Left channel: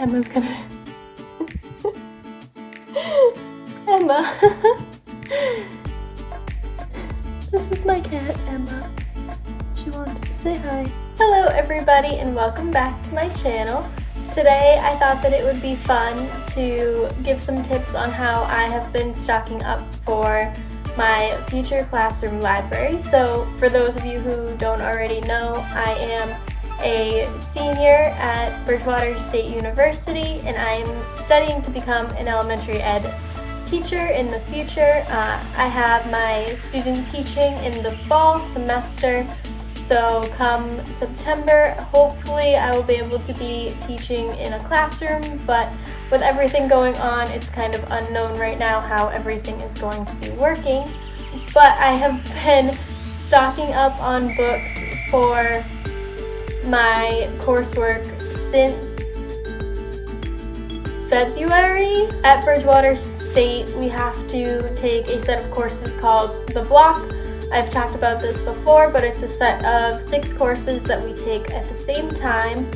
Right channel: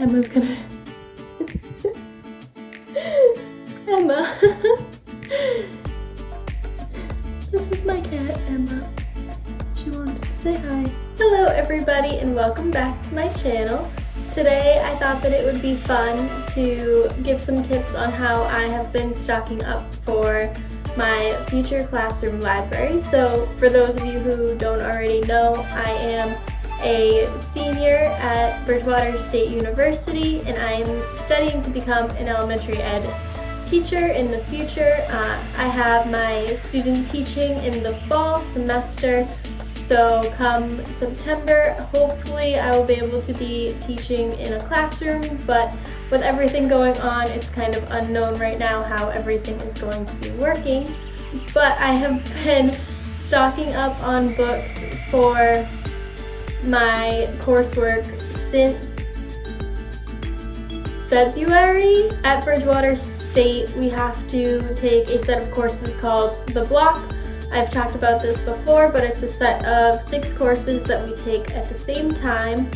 Emma's gonna... Emma. This is my cat, Emma. She wanted to say hi. Hello everybody and welcome back to my channel. Today I thought that it would be fun to give some tips on how I have been stocking up for my future classroom library. So for those of you who don't already know, I am a senior at Bridgewater State University and I'm studying to become an elementary ed teacher in the future. I have my student teaching in the fall semester, so come September hopefully I will be able to be teaching in a classroom, but with everything going on it's kind of unknown right now how everything is going to be working. But I have been stocking up on books for my coursework since February. At Bridgewater State we have to take a set of courses called The Block. I've talked about this before, but it's a set of 6 courses that we take at the same time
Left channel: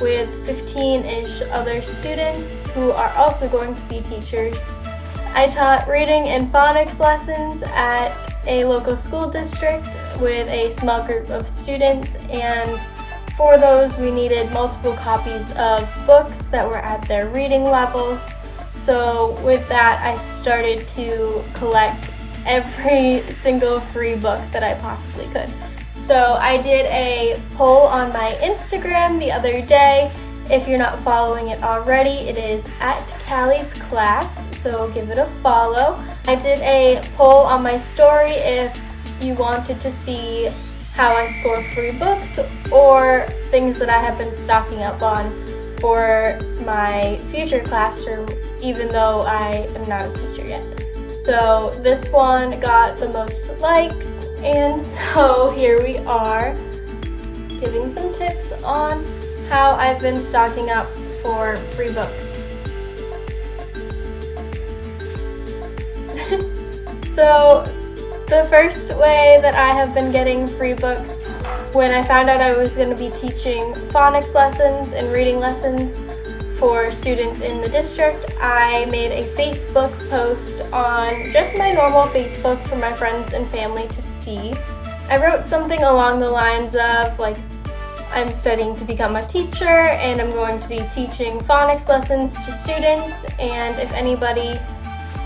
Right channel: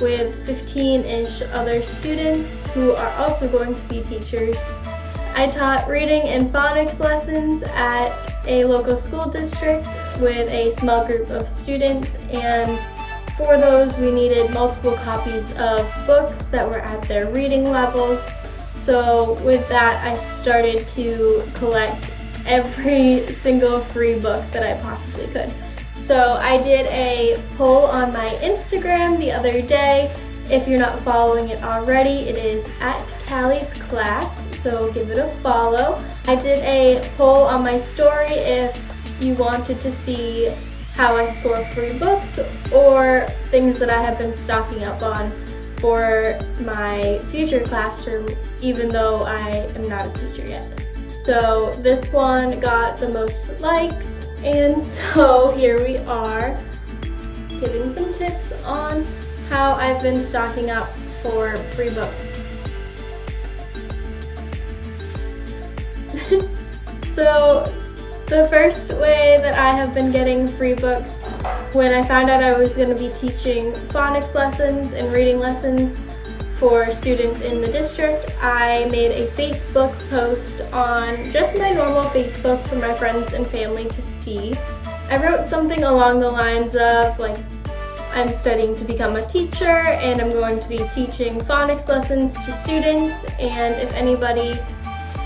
with 15-ish other students who are also going to be teachers. I taught reading and phonics lessons at a local school district with a small group of students, and for those we needed multiple copies of books that were at their reading levels. So with that I started to collect every single free book that I possibly could. So I did a poll on my Instagram the other day. If you're not following it already, it is at Callie's Class, so give it a follow. I did a poll on my story if you wanted to see how I score free books or things that I have been stocking up on for my future classroom, even though I am not a teacher yet. So this one got the most likes, and so here we are giving some tips on how I've been stocking up for free books. So the first way that I have been getting free books, when I found out I was going to be teaching phonics lessons and reading lessons for students in the district, I made a Facebook post on just my normal Facebook for my friends and family to see. I wrote something along the lines of like, I'm studying to become a teacher and I'm going to be teaching phonics lessons to students, and if anybody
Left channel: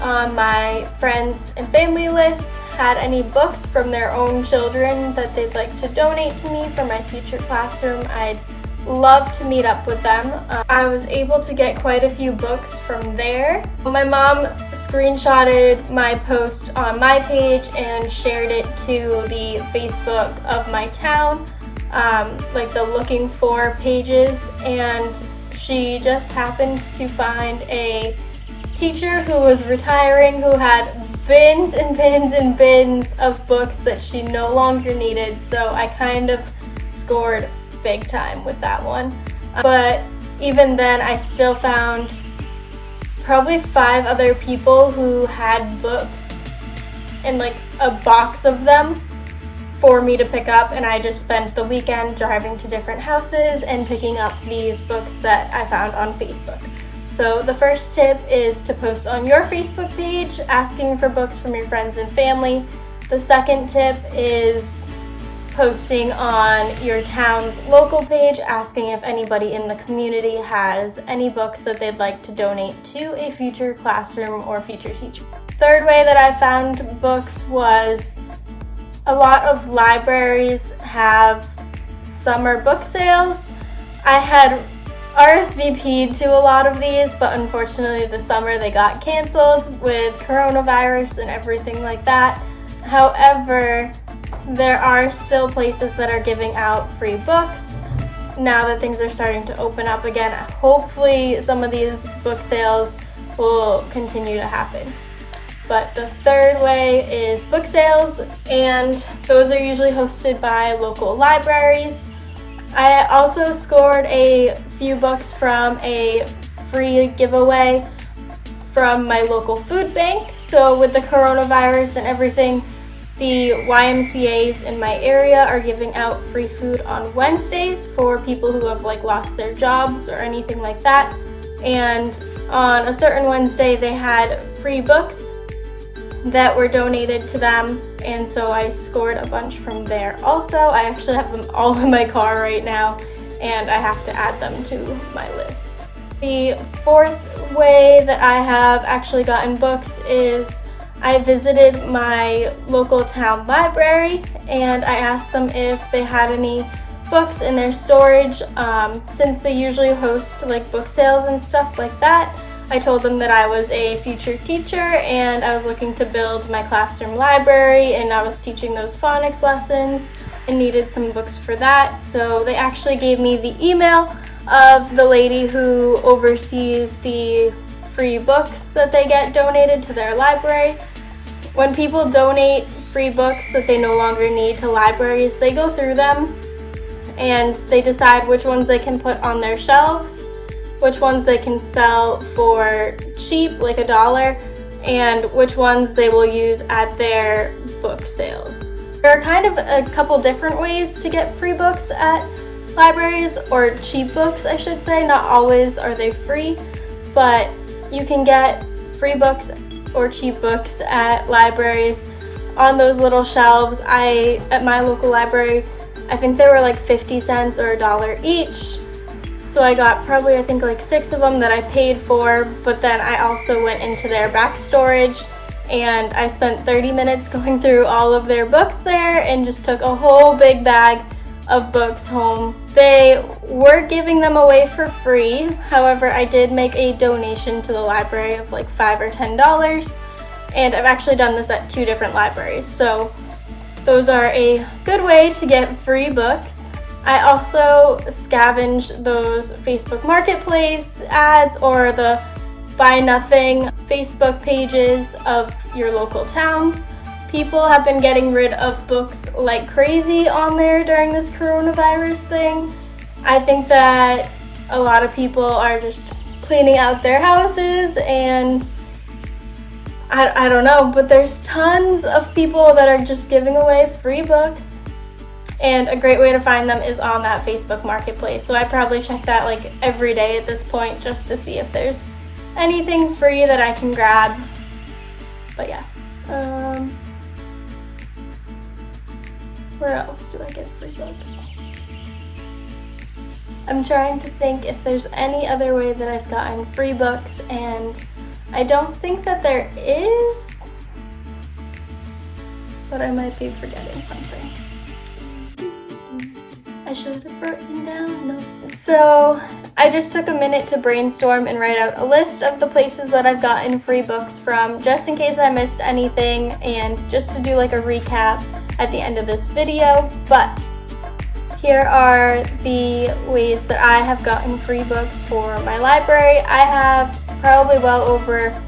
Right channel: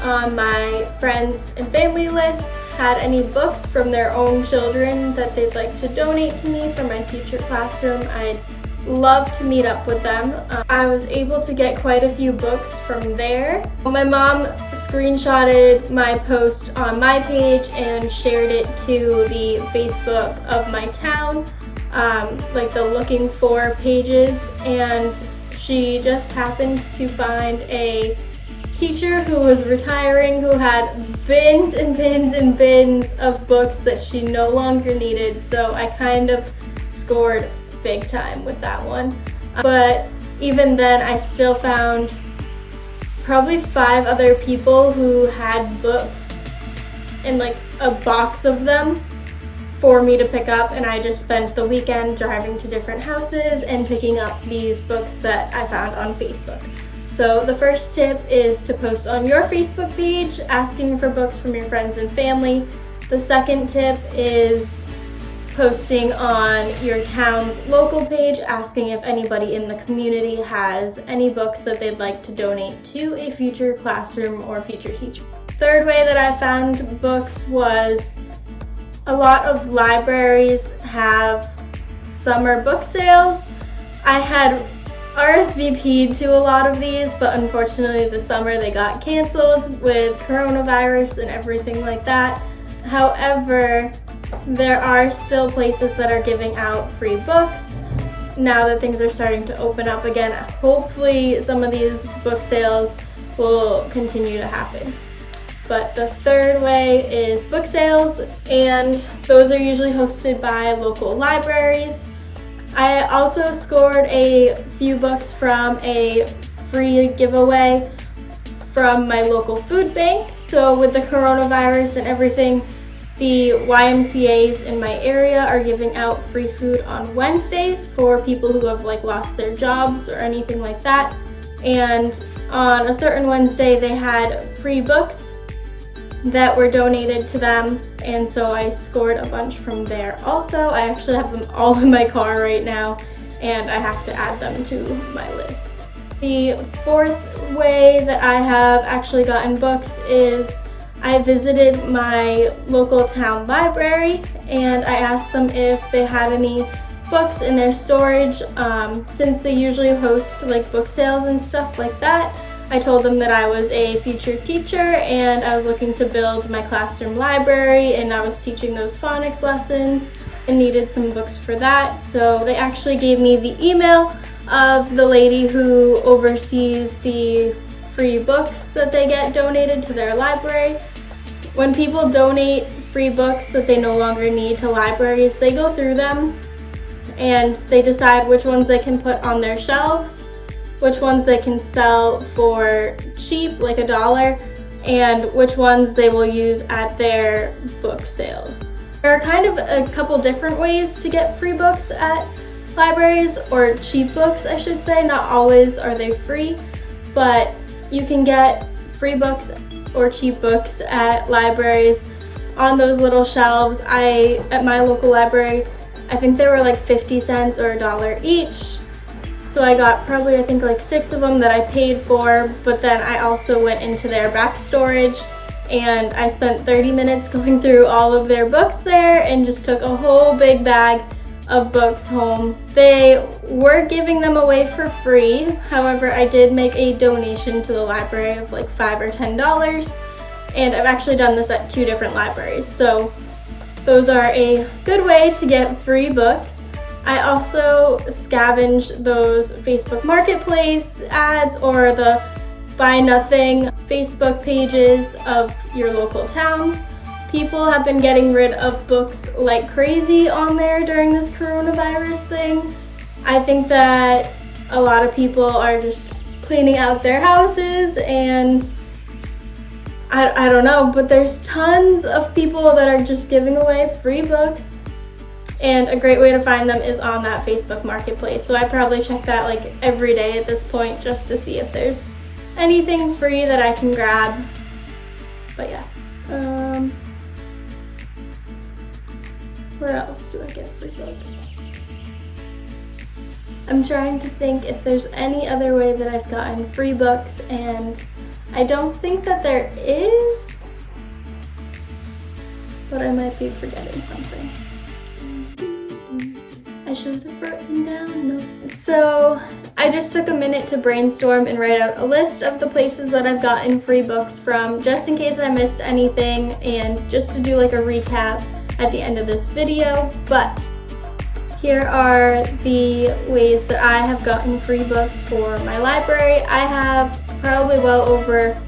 on my friends and family list had any books from their own children that they'd like to donate to me for my future classroom, I'd love to meet up with them. I was able to get quite a few books from there. My mom screenshotted my post on my page and shared it to the Facebook of my town, like the looking for pages, and she just happened to find a teacher who was retiring who had bins and bins and bins of books that she no longer needed, so I kind of scored big time with that one. But even then I still found probably 5 other people who had books and like a box of them for me to pick up, and I just spent the weekend driving to different houses and picking up these books that I found on Facebook. So the first tip is to post on your Facebook page asking for books from your friends and family. The second tip is posting on your town's local page asking if anybody in the community has any books that they'd like to donate to a future classroom or future teacher. Third way that I found books was a lot of libraries have summer book sales. I had RSVP'd to a lot of these, but unfortunately this summer they got canceled with coronavirus and everything like that. However, there are still places that are giving out free books now that things are starting to open up again. Hopefully some of these book sales will continue to happen. But the third way is book sales, and those are usually hosted by local libraries. I also scored a few books from a free giveaway from my local food bank. So with the coronavirus and everything, the YMCAs in my area are giving out free food on Wednesdays for people who have lost their jobs or anything like that. and on a certain Wednesday they had free books that were donated to them, and so I scored a bunch from there. Also, I actually have them all in my car right now, and I have to add them to my list. The fourth way that I have actually gotten books is I visited my local town library and I asked them if they had any books in their storage. Since they usually host like book sales and stuff like that, I told them that I was a future teacher and I was looking to build my classroom library, and I was teaching those phonics lessons and needed some books for that. So they actually gave me the email of the lady who oversees the free books that they get donated to their library. When people donate free books that they no longer need to libraries, they go through them and they decide which ones they can put on their shelves, which ones they can sell for cheap, like $1, and which ones they will use at their book sales. There are kind of a couple different ways to get free books at libraries, or cheap books I should say. Not always are they free, but you can get free books or cheap books at libraries on those little shelves. At my local library, I think they were like 50 cents or $1 each. So I got probably, I think, like 6 of them that I paid for, but then I also went into their back storage and I spent 30 minutes going through all of their books there and just took a whole big bag of books home. They were giving them away for free. However, I did make a donation to the library of like $5 or $10, and I've actually done this at 2 different libraries. So those are a good way to get free books. I also scavenge those Facebook Marketplace ads or the Buy Nothing Facebook pages of your local towns. People have been getting rid of books like crazy on there during this coronavirus thing. I think that a lot of people are just cleaning out their houses, and I don't know, but there's tons of people that are just giving away free books. And a great way to find them is on that Facebook Marketplace. So I probably check that like every day at this point just to see if there's anything free that I can grab. But yeah. Where else do I get free books? I'm trying to think if there's any other way that I've gotten free books, and I don't think that there is, but I might be forgetting something. I should have written down notes. So I just took a minute to brainstorm and write out a list of the places that I've gotten free books from, just in case I missed anything and just to do like a recap at the end of this video. But here are the ways that I have gotten free books for my library. I have probably well over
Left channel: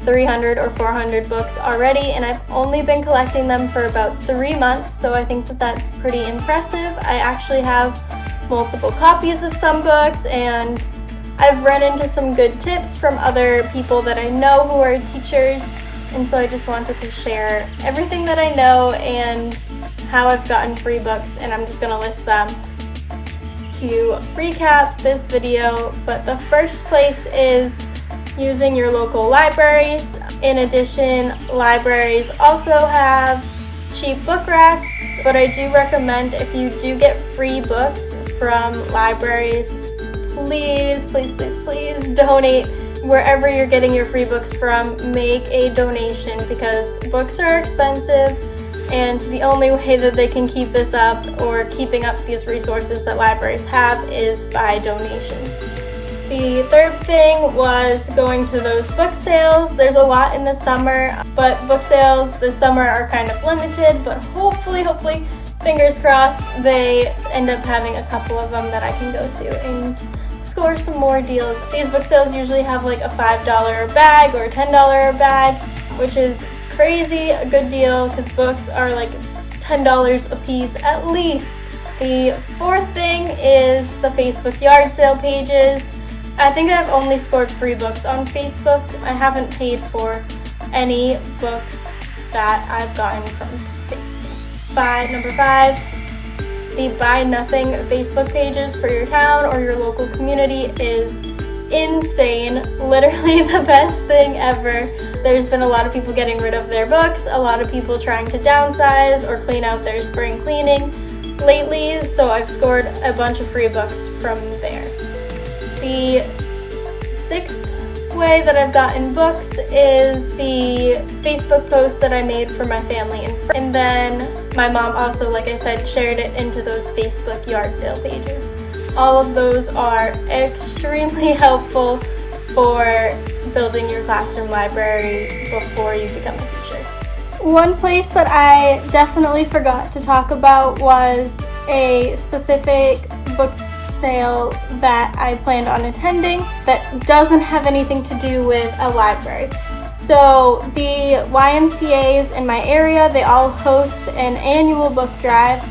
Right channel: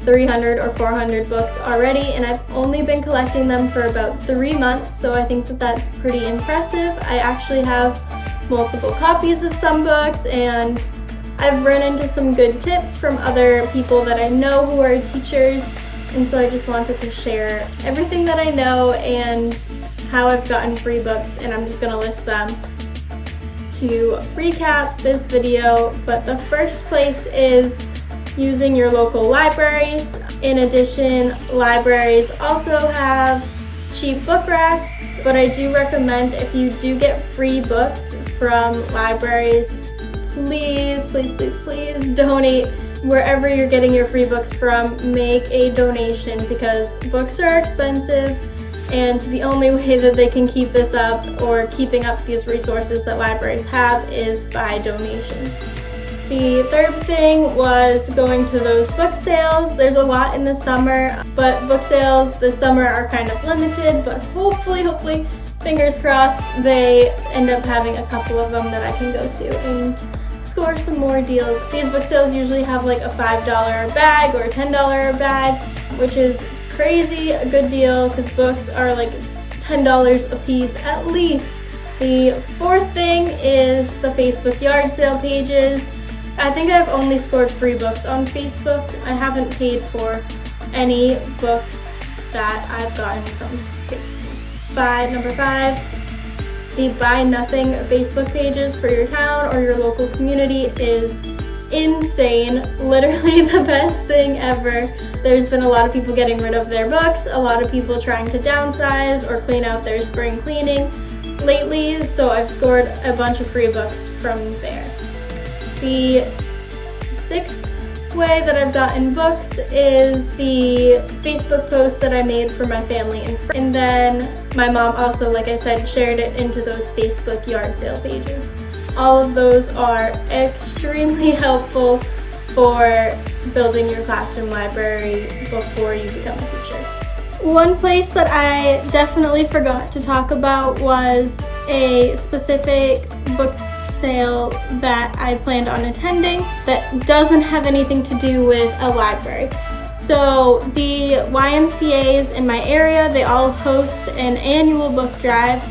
300 or 400 books already, and I've only been collecting them for about 3 months, so I think that that's pretty impressive. I actually have multiple copies of some books, and I've run into some good tips from other people that I know who are teachers, and so I just wanted to share everything that I know and how I've gotten free books, and I'm just gonna list them to recap this video. But the first place is using your local libraries. In addition, libraries also have cheap book racks, but I do recommend, if you do get free books from libraries, please, please, please, please donate. Wherever you're getting your free books from, make a donation, because books are expensive, and the only way that they can keep this up, or keeping up these resources that libraries have, is by donations. The third thing was going to those book sales. There's a lot in the summer, but book sales this summer are kind of limited, but hopefully, fingers crossed, they end up having a couple of them that I can go to and score some more deals. These book sales usually have like a $5 a bag or a $10 a bag, which is crazy a good deal because books are like $10 a piece at least. The fourth thing is the Facebook yard sale pages. I think I've only scored free books on Facebook. I haven't paid for any books that I've gotten from Facebook. Number 5, the Buy Nothing Facebook pages for your town or your local community is insane, literally the best thing ever. There's been a lot of people getting rid of their books, a lot of people trying to downsize or clean out their spring cleaning lately, so I've scored a bunch of free books from there. The sixth way that I've gotten books is the Facebook post that I made for my family and friends. And then my mom also, like I said, shared it into those Facebook yard sale pages. All of those are extremely helpful for building your classroom library before you become a teacher. One place that I definitely forgot to talk about was a specific book sale that I planned on attending that doesn't have anything to do with a library. So the YMCAs in my area, they all host an annual book drive.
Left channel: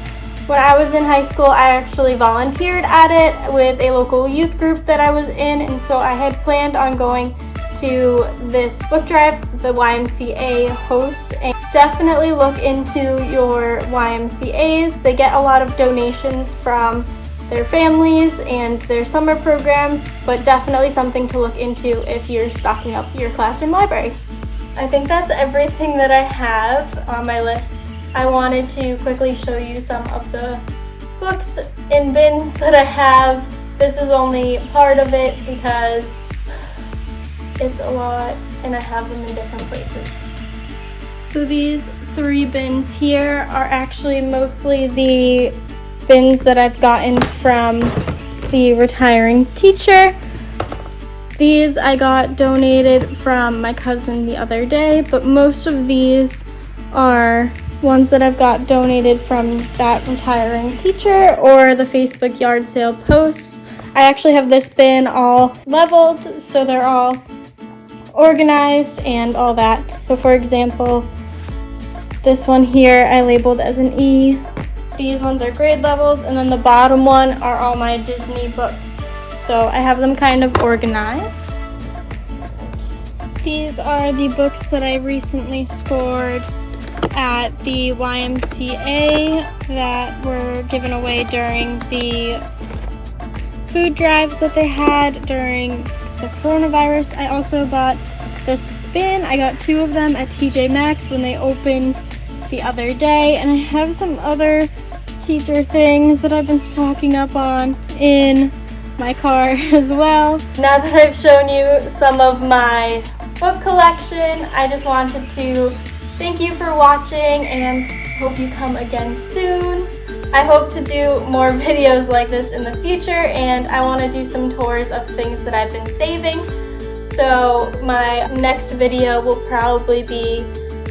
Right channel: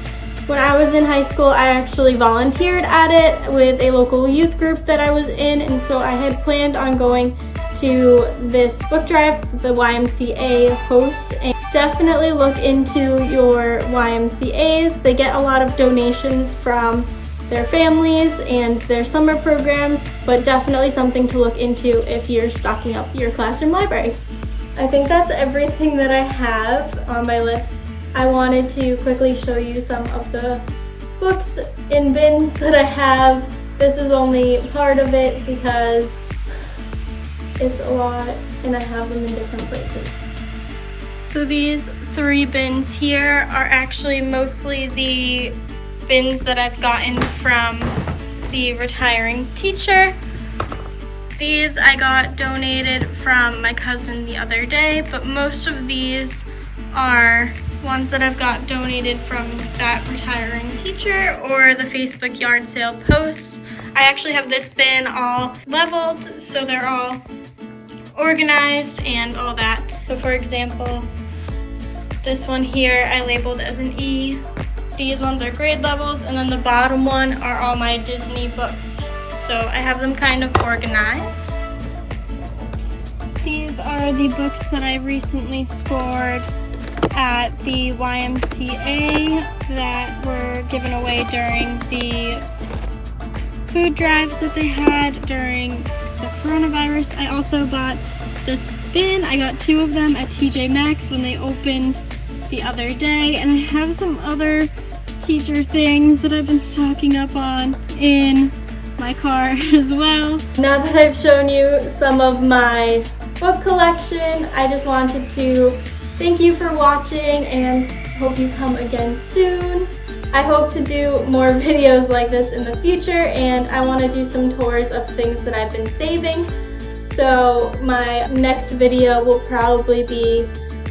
When I was in high school, I actually volunteered at it with a local youth group that I was in, and so I had planned on going to this book drive the YMCA hosts. And definitely look into your YMCAs. They get a lot of donations from their families and their summer programs, but definitely something to look into if you're stocking up your classroom library. I think that's everything that I have on my list. I wanted to quickly show you some of the books in bins that I have. This is only part of it because it's a lot and I have them in different places. So these 3 bins here are actually mostly the bins that I've gotten from the retiring teacher. These I got donated from my cousin the other day, but most of these are ones that I've got donated from that retiring teacher or the Facebook yard sale post. I actually have this bin all leveled, so they're all organized and all that. So for example, this one here I labeled as an E. These ones are grade levels, and then the bottom one are all my Disney books. So I have them kind of organized. These are the books that I recently scored at the YMCA that were given away during the food drives that they had during the coronavirus. I also bought this bin. I got 2 of them at TJ Maxx when they opened the other day, and I have some other teacher things that I've been stocking up on in my car as well. Now that I've shown you some of my book collection, I just wanted to thank you for watching and hope you come again soon. I hope to do more videos like this in the future, and I want to do some tours of things that I've been saving. So my next video will probably be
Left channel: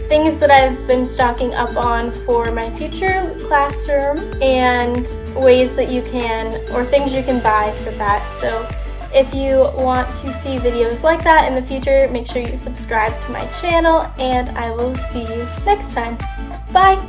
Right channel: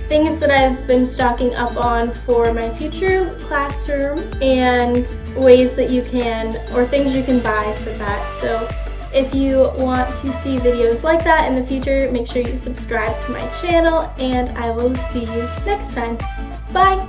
things that I've been stocking up on for my future classroom and ways that you can, or things you can buy for that. So if you want to see videos like that in the future, make sure you subscribe to my channel, and I will see you next time. Bye!